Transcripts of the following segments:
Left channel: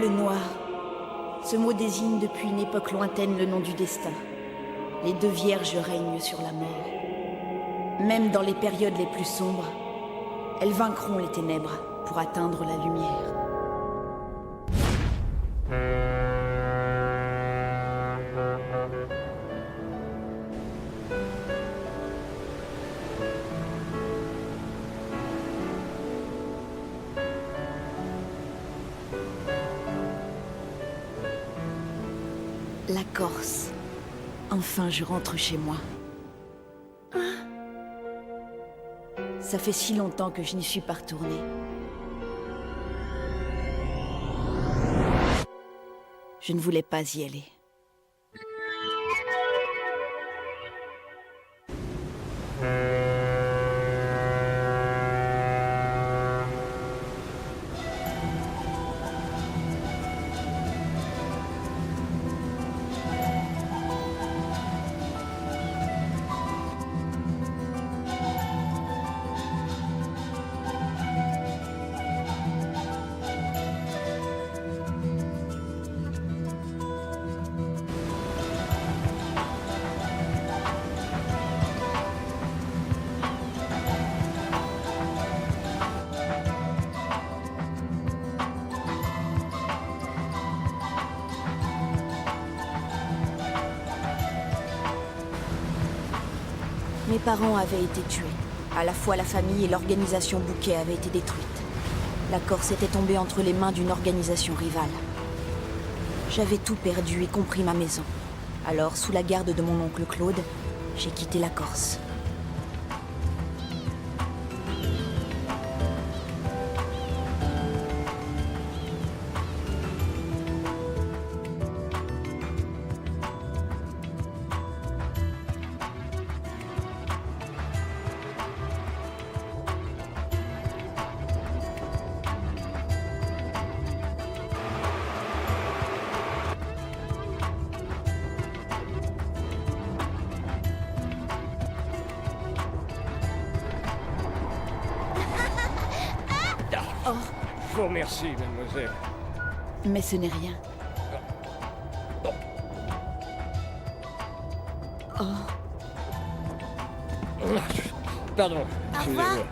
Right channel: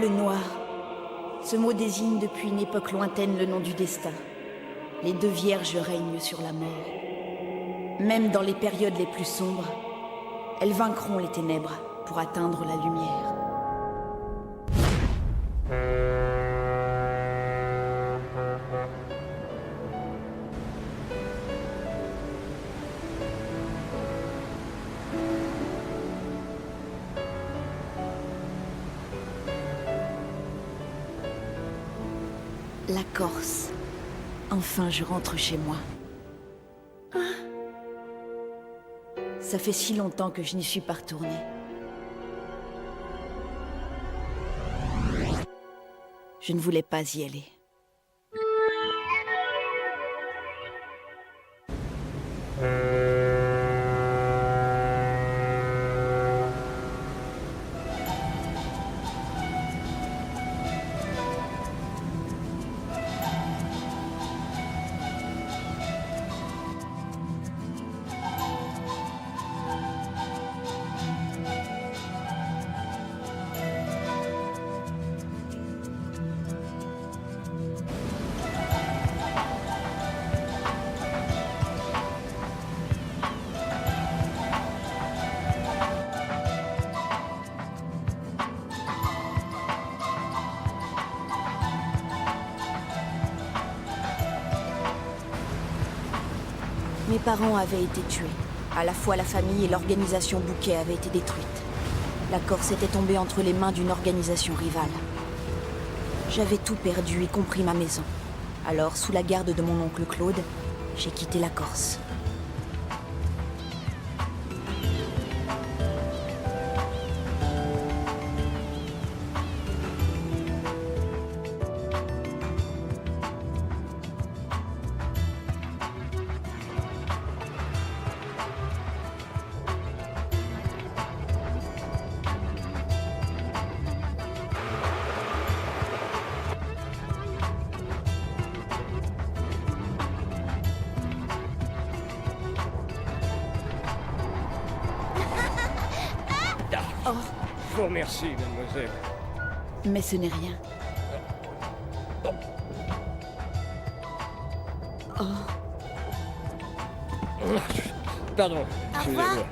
Le noir. Ce mot désigne depuis une époque lointaine le nom du destin. Les deux vierges règnent sur la mort. Même dans les périodes les plus sombres, elles vaincront les ténèbres pour atteindre la lumière. La Corse. Enfin, je rentre chez moi. Ça fait si longtemps que je n'y suis pas retournée. Je ne voulais pas y aller. Mes parents avaient été tués. À la fois la famille et l'organisation Bouquet avaient été détruites. La Corse était tombée entre les mains d'une organisation rivale. J'avais tout perdu, y compris ma maison. Alors, sous la garde de mon oncle Claude, j'ai quitté la Corse. Oh, Je vous remercie, mademoiselle. mais ce n'est rien. Oh, Pardon, Au revoir. excusez-moi.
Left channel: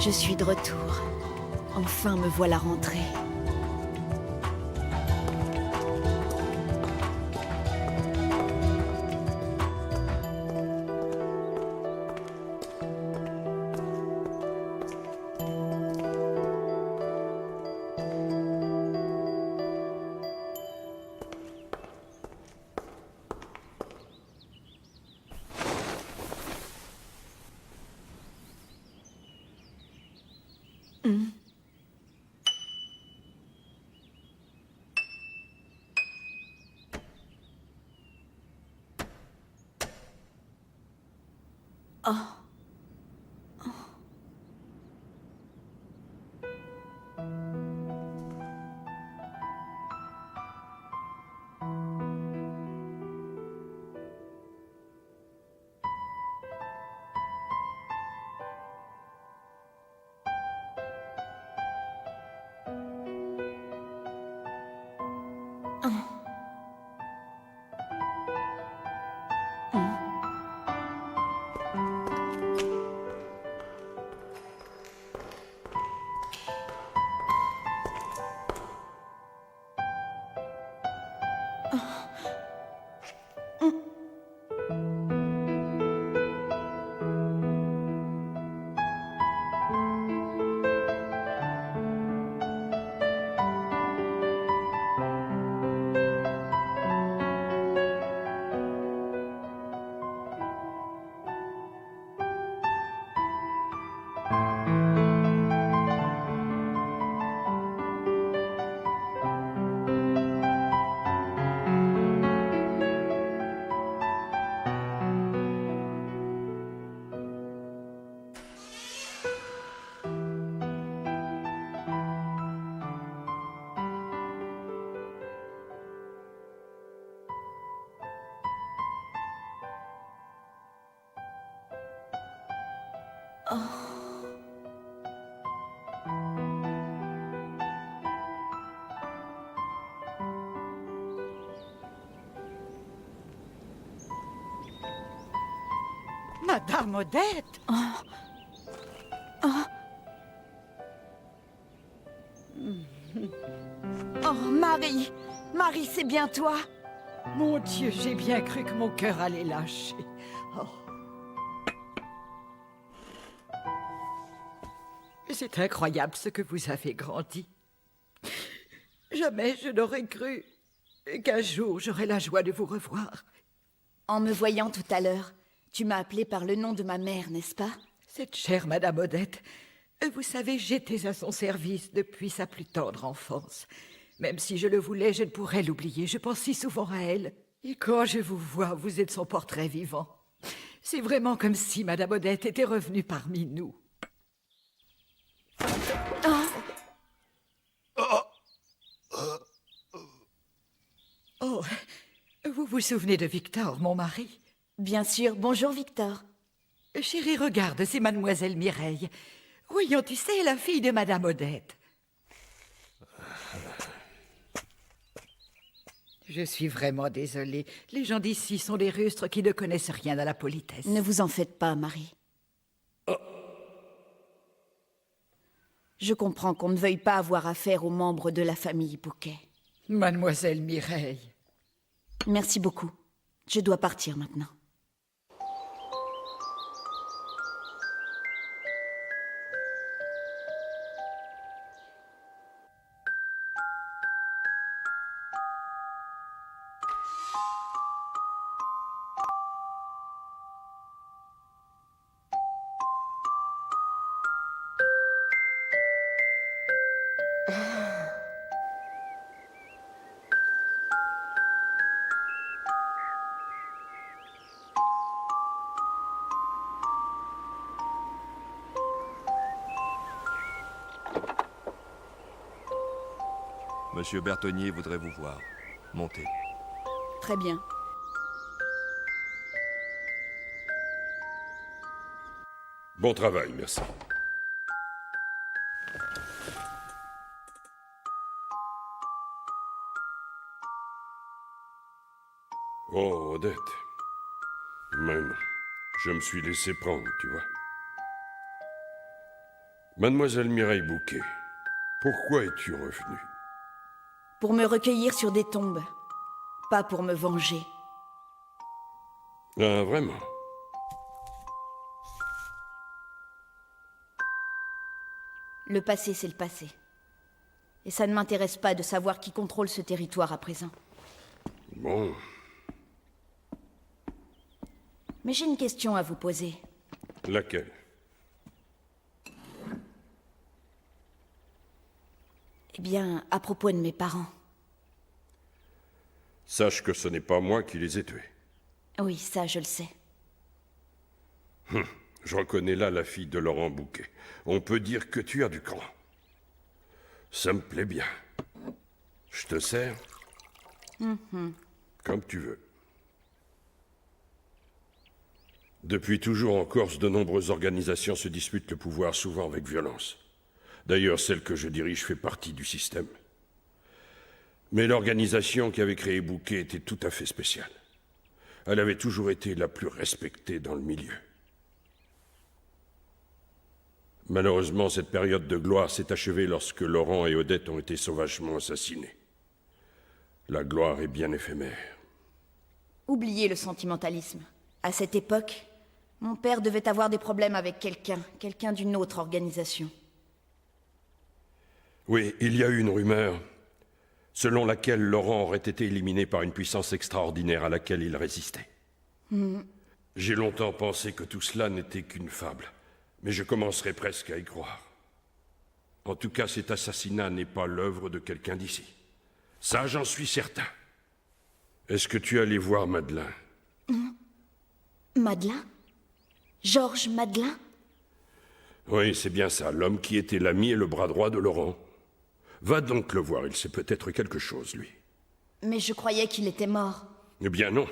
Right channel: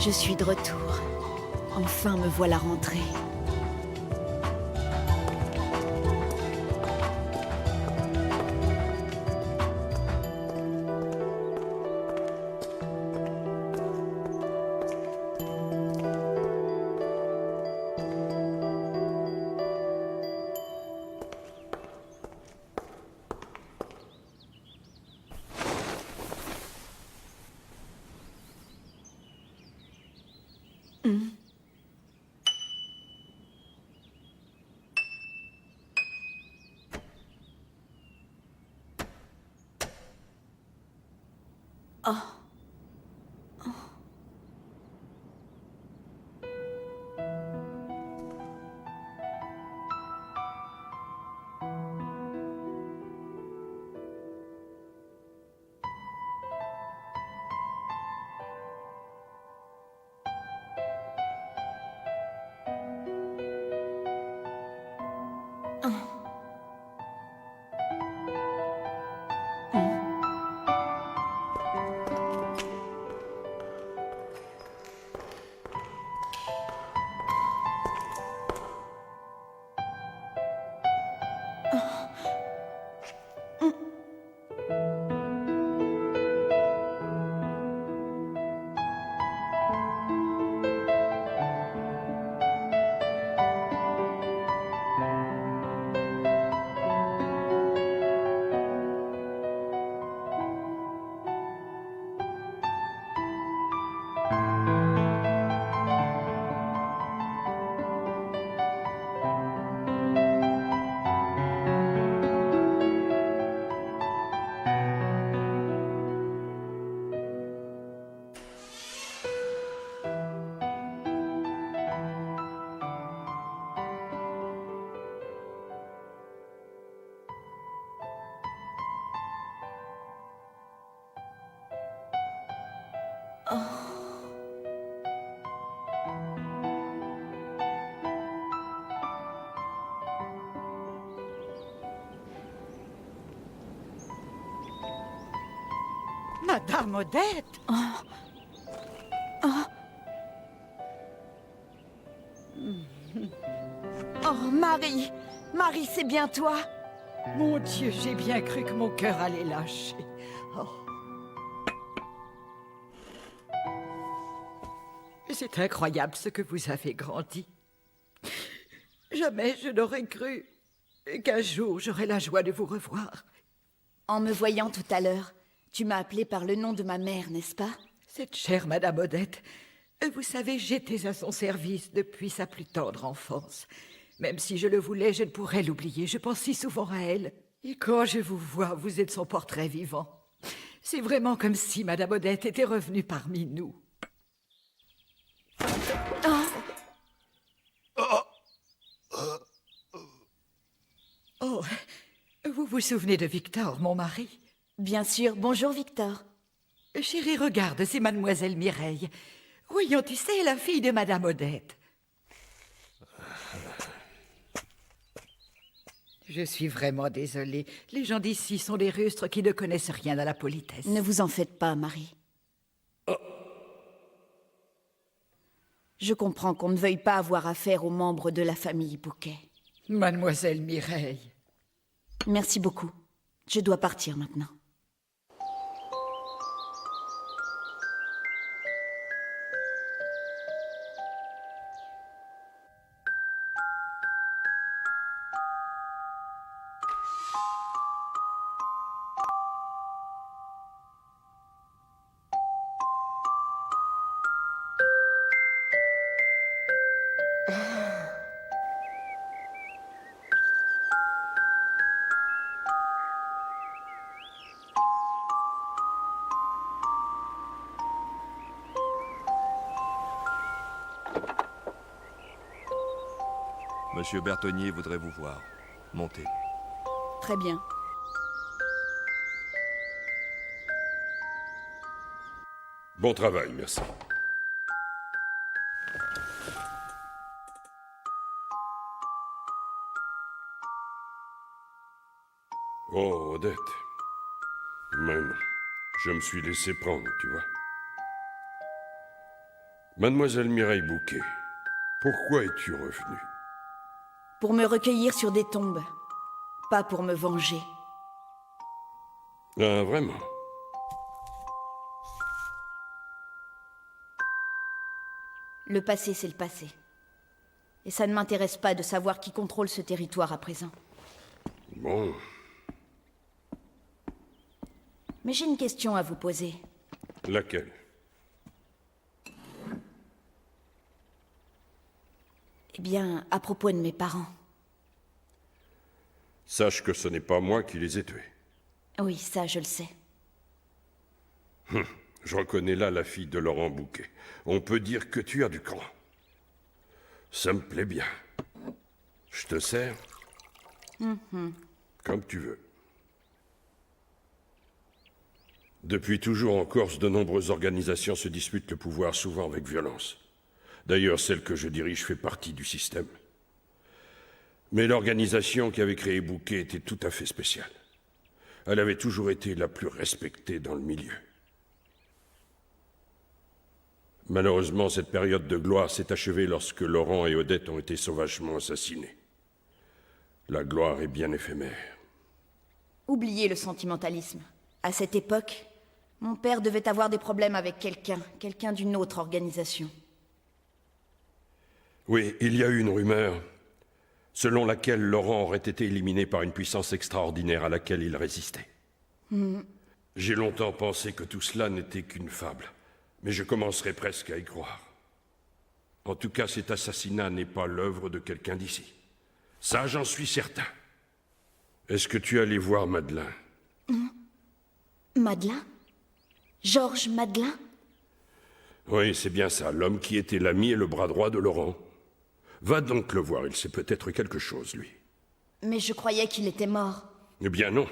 je suis de retour. Enfin me voilà rentrée. Oh. Madame Odette! Oh, Marie! Marie, c'est bien toi? Mon Dieu, j'ai bien cru que mon cœur allait lâcher. Oh. C'est incroyable ce que vous avez grandi. Jamais je n'aurais cru qu'un jour j'aurais la joie de vous revoir. En me voyant tout à l'heure, tu m'as appelé par le nom de ma mère, n'est-ce pas? Cette chère Madame Odette, vous savez, j'étais à son service depuis sa plus tendre enfance. Même si je le voulais, je ne pourrais l'oublier. Je pense si souvent à elle. Et quand je vous vois, vous êtes son portrait vivant. C'est vraiment comme si Madame Odette était revenue parmi nous. Oh, vous vous souvenez de Victor, mon mari? Bien sûr. Bonjour, Victor. Chérie, regarde, c'est Mademoiselle Mireille. Voyons, tu sais, la fille de Madame Odette. Je suis vraiment désolée. Les gens d'ici sont des rustres qui ne connaissent rien à la politesse. Ne vous en faites pas, Marie. Je comprends qu'on ne veuille pas avoir affaire aux membres de la famille Bouquet. Mademoiselle Mireille. Merci beaucoup. Je dois partir maintenant. Monsieur Bertonnier voudrait vous voir. Montez. Très bien. Bon travail, merci. Oh, Odette. Même, je me suis laissé prendre, tu vois. Mademoiselle Mireille Bouquet, pourquoi es-tu revenue? Pour me recueillir sur des tombes. Pas pour me venger. Ah, vraiment? Le passé, c'est le passé. Et ça ne m'intéresse pas de savoir qui contrôle ce territoire à présent. Bon. Mais j'ai une question à vous poser. Laquelle? Eh bien, à propos de mes parents. Sache que ce n'est pas moi qui les ai tués. Oui, ça, je le sais. Je reconnais là la fille de Laurent Bouquet. On peut dire que tu as du cran. Ça me plaît bien. Je te sers? Comme tu veux. Depuis toujours en Corse, de nombreuses organisations se disputent le pouvoir, souvent avec violence. D'ailleurs, celle que je dirige fait partie du système. Mais l'organisation qui avait créé Bouquet était tout à fait spéciale. Elle avait toujours été la plus respectée dans le milieu. Malheureusement, cette période de gloire s'est achevée lorsque Laurent et Odette ont été sauvagement assassinés. La gloire est bien éphémère. Oubliez le sentimentalisme. À cette époque, mon père devait avoir des problèmes avec quelqu'un d'une autre organisation. Oui, il y a eu une rumeur selon laquelle Laurent aurait été éliminé par une puissance extraordinaire à laquelle il résistait. J'ai longtemps pensé que tout cela n'était qu'une fable, mais je commencerai presque à y croire. En tout cas, cet assassinat n'est pas l'œuvre de quelqu'un d'ici. Ça, j'en suis certain. Est-ce que tu es allé voir Madeleine? Madeleine? Georges Madeleine? Oui, c'est bien ça, l'homme qui était l'ami et le bras droit de Laurent. Va donc le voir, il sait peut-être quelque chose, lui. Mais je croyais qu'il était mort. Eh bien non,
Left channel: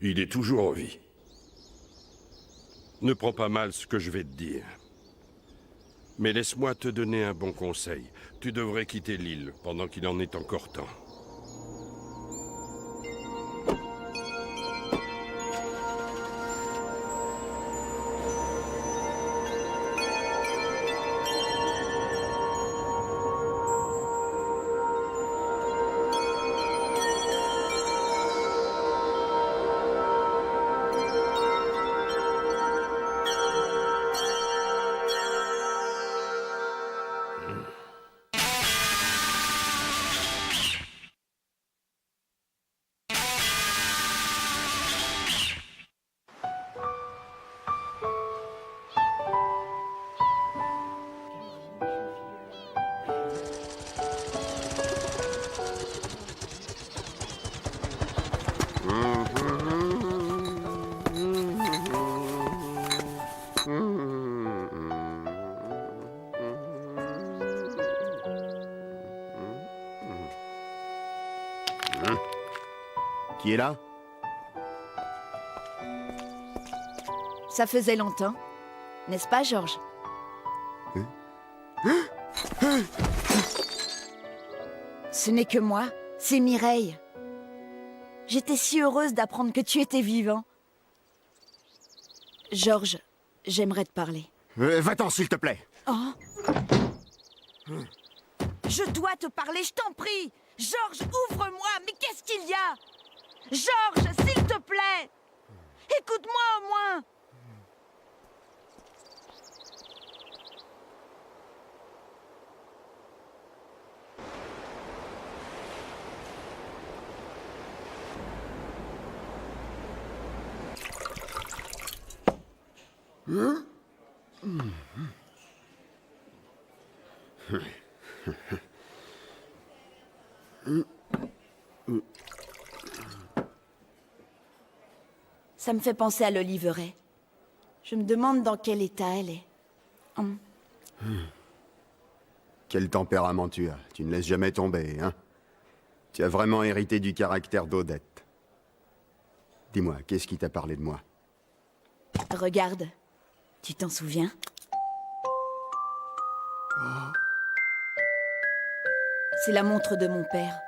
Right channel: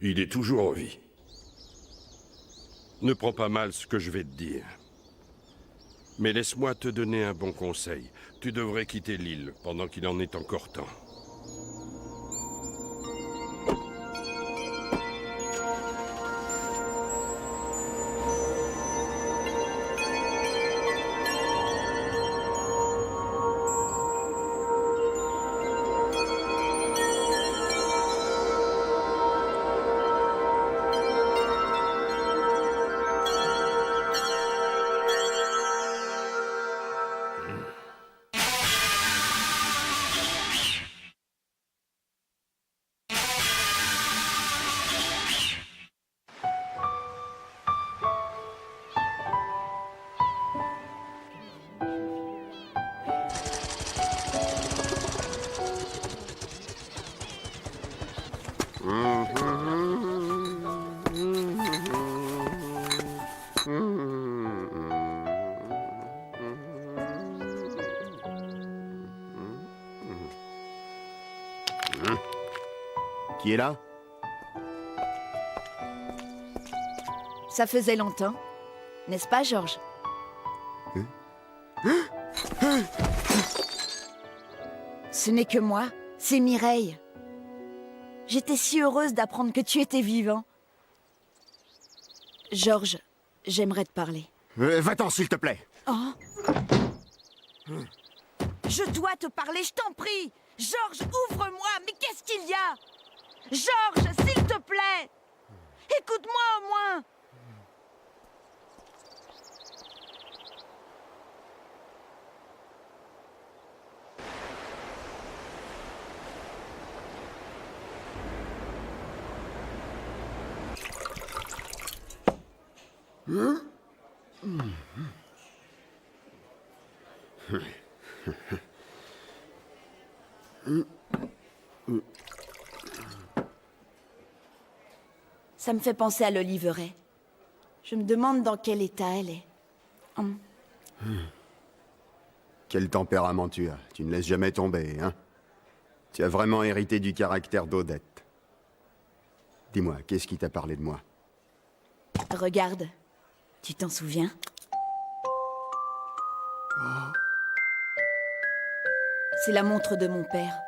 il est toujours en vie. Ne prends pas mal ce que je vais te dire. Mais laisse-moi te donner un bon conseil. Tu devrais quitter l'île pendant qu'il en est encore temps. Qui est là? Ça faisait longtemps. N'est-ce pas, Georges? Ce n'est que moi, c'est Mireille. J'étais si heureuse d'apprendre que tu étais vivant. Georges, j'aimerais te parler. Va-t'en, s'il te plaît. Oh. Je dois te parler, je t'en prie. Georges, ouvre-moi, mais qu'est-ce qu'il y a? Georges, s'il te plaît. Écoute-moi au moins. Ça me fait penser à l'Oliveraie. Je me demande dans quel état elle est. Quel tempérament tu as. Tu ne laisses jamais tomber, hein? Tu as vraiment hérité du caractère d'Odette. Dis-moi, qu'est-ce qui t'a parlé de moi? Regarde, tu t'en souviens? C'est la montre de mon père.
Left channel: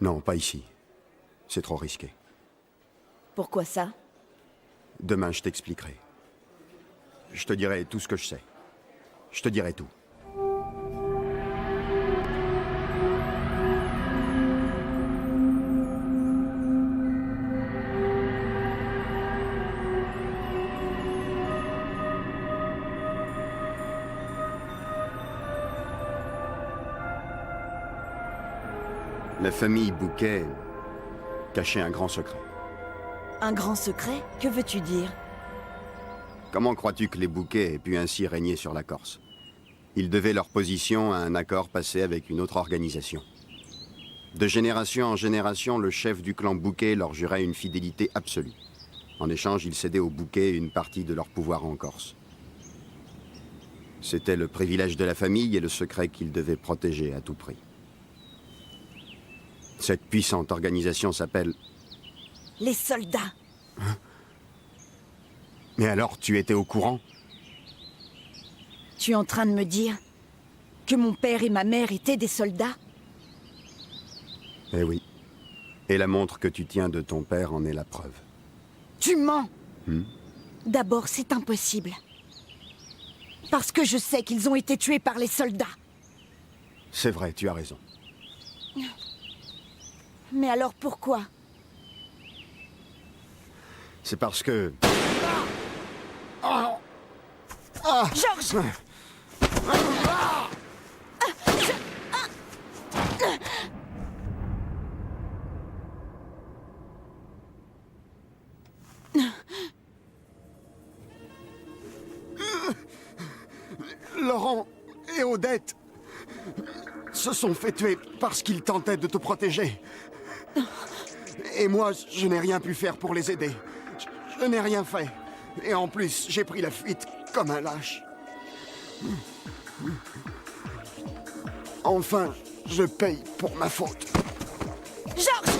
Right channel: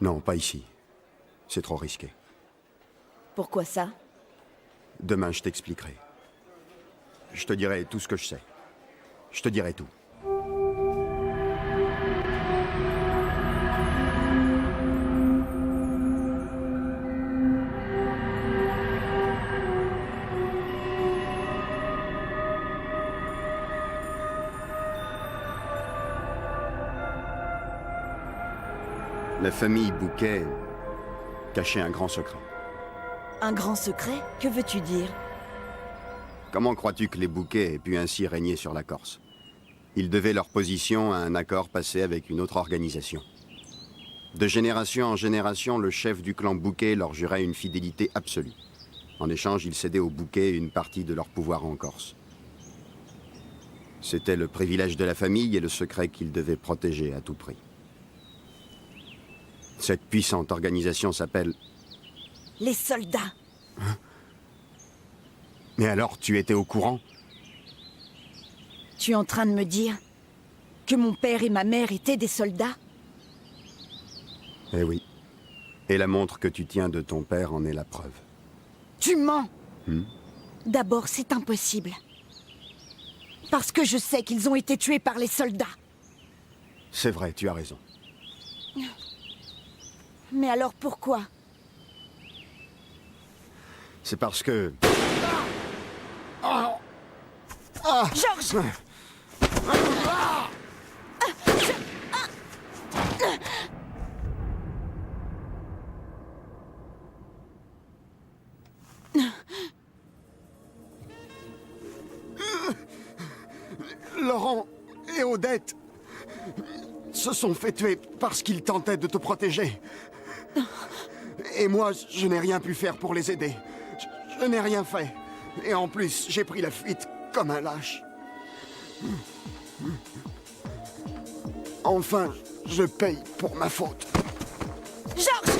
Non, pas ici. C'est trop risqué. Pourquoi ça? Demain, je t'expliquerai. Je te dirai tout ce que je sais. Je te dirai tout. La famille Bouquet cachait un grand secret. Un grand secret? Que veux-tu dire? Comment crois-tu que les Bouquet aient pu ainsi régner sur la Corse? Ils devaient leur position à un accord passé avec une autre organisation. De génération en génération, le chef du clan Bouquet leur jurait une fidélité absolue. En échange, ils cédaient aux Bouquet une partie de leur pouvoir en Corse. C'était le privilège de la famille et le secret qu'ils devaient protéger à tout prix. Cette puissante organisation s'appelle... Les soldats. Hein? Mais alors, tu étais au courant? Tu es en train de me dire que mon père et ma mère étaient des soldats? Eh oui. Et la montre que tu tiens de ton père en est la preuve. Tu mens! D'abord, c'est impossible. Parce que je sais qu'ils ont été tués par les soldats. C'est vrai, tu as raison. Mais alors pourquoi? C'est parce que... Georges! Laurent et Odette se sont fait tuer parce qu'ils tentaient de te protéger. Et moi, je n'ai rien pu faire pour les aider. Je n'ai rien fait. Et en plus, j'ai pris la fuite comme un lâche. Enfin, je paye pour ma faute. Georges!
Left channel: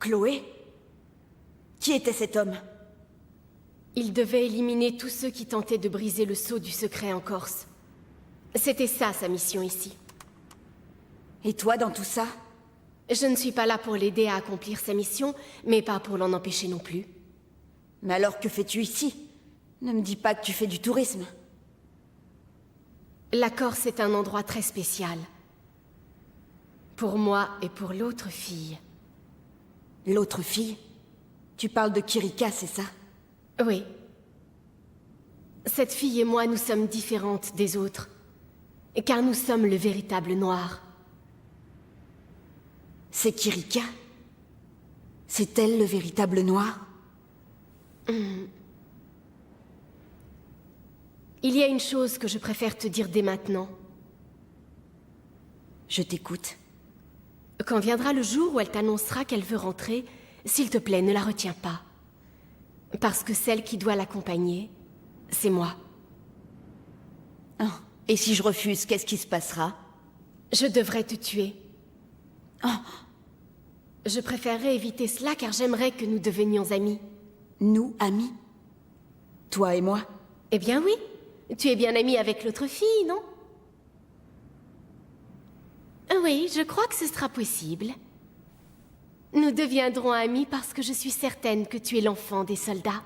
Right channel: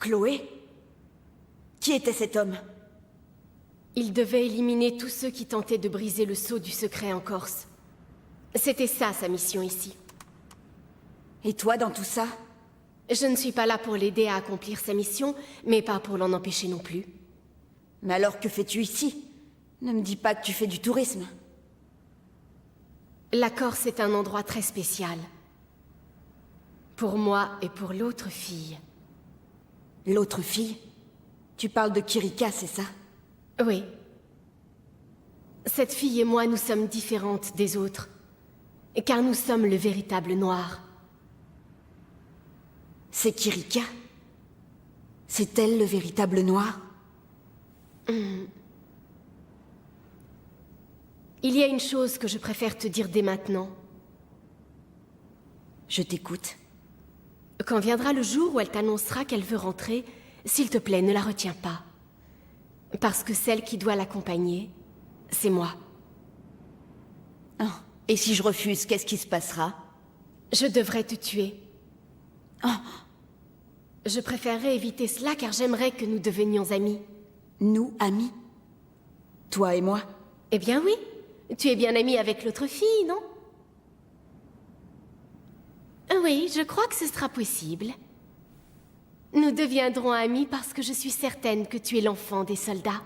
Chloé? Qui était cet homme? Il devait éliminer tous ceux qui tentaient de briser le sceau du secret en Corse. C'était ça, sa mission ici. Et toi dans tout ça? Je ne suis pas là pour l'aider à accomplir sa mission, mais pas pour l'en empêcher non plus. Mais alors que fais-tu ici? Ne me dis pas que tu fais du tourisme. La Corse est un endroit très spécial. Pour moi et pour l'autre fille. L'autre fille? Tu parles de Kirika, c'est ça? Oui. Cette fille et moi, nous sommes différentes des autres. Car nous sommes le véritable noir. C'est Kirika? C'est elle le véritable noir? Il y a une chose que je préfère te dire dès maintenant. Je t'écoute. Quand viendra le jour où elle t'annoncera qu'elle veut rentrer, s'il te plaît, ne la retiens pas. Parce que celle qui doit l'accompagner, c'est moi. Oh. Et si je refuse, qu'est-ce qui se passera? Je devrais te tuer. Oh. Je préférerais éviter cela car j'aimerais que nous devenions amis. Nous, amis? Toi et moi? Eh bien oui. Tu es bien amie avec l'autre fille, non? Oui, je crois que ce sera possible. Nous deviendrons amis parce que je suis certaine que tu es l'enfant des soldats.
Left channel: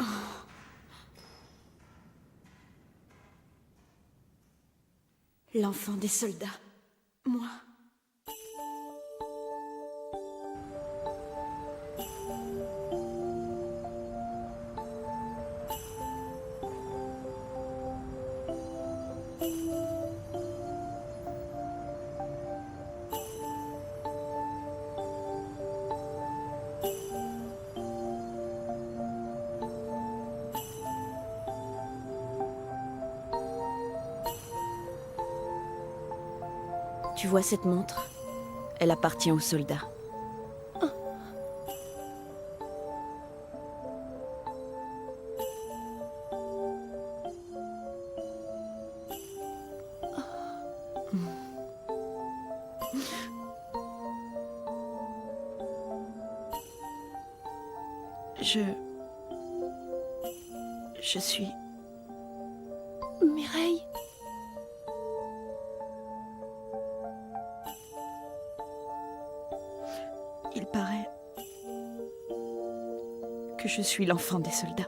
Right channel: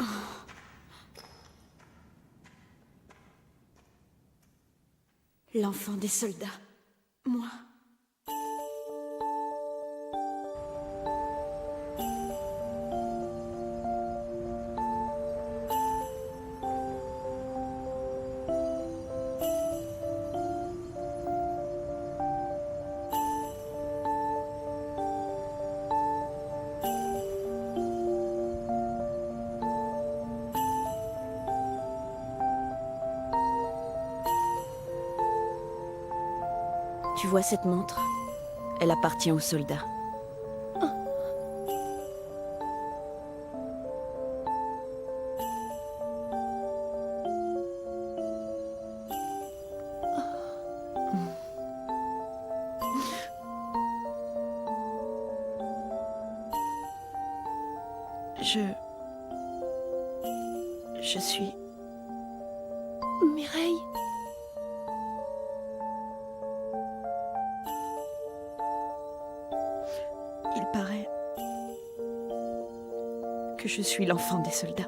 Oh. L'enfant des soldats. Moi. Tu vois cette montre? Elle appartient aux soldats. Oh. Je suis... Mireille. Il paraît que je suis l'enfant des soldats.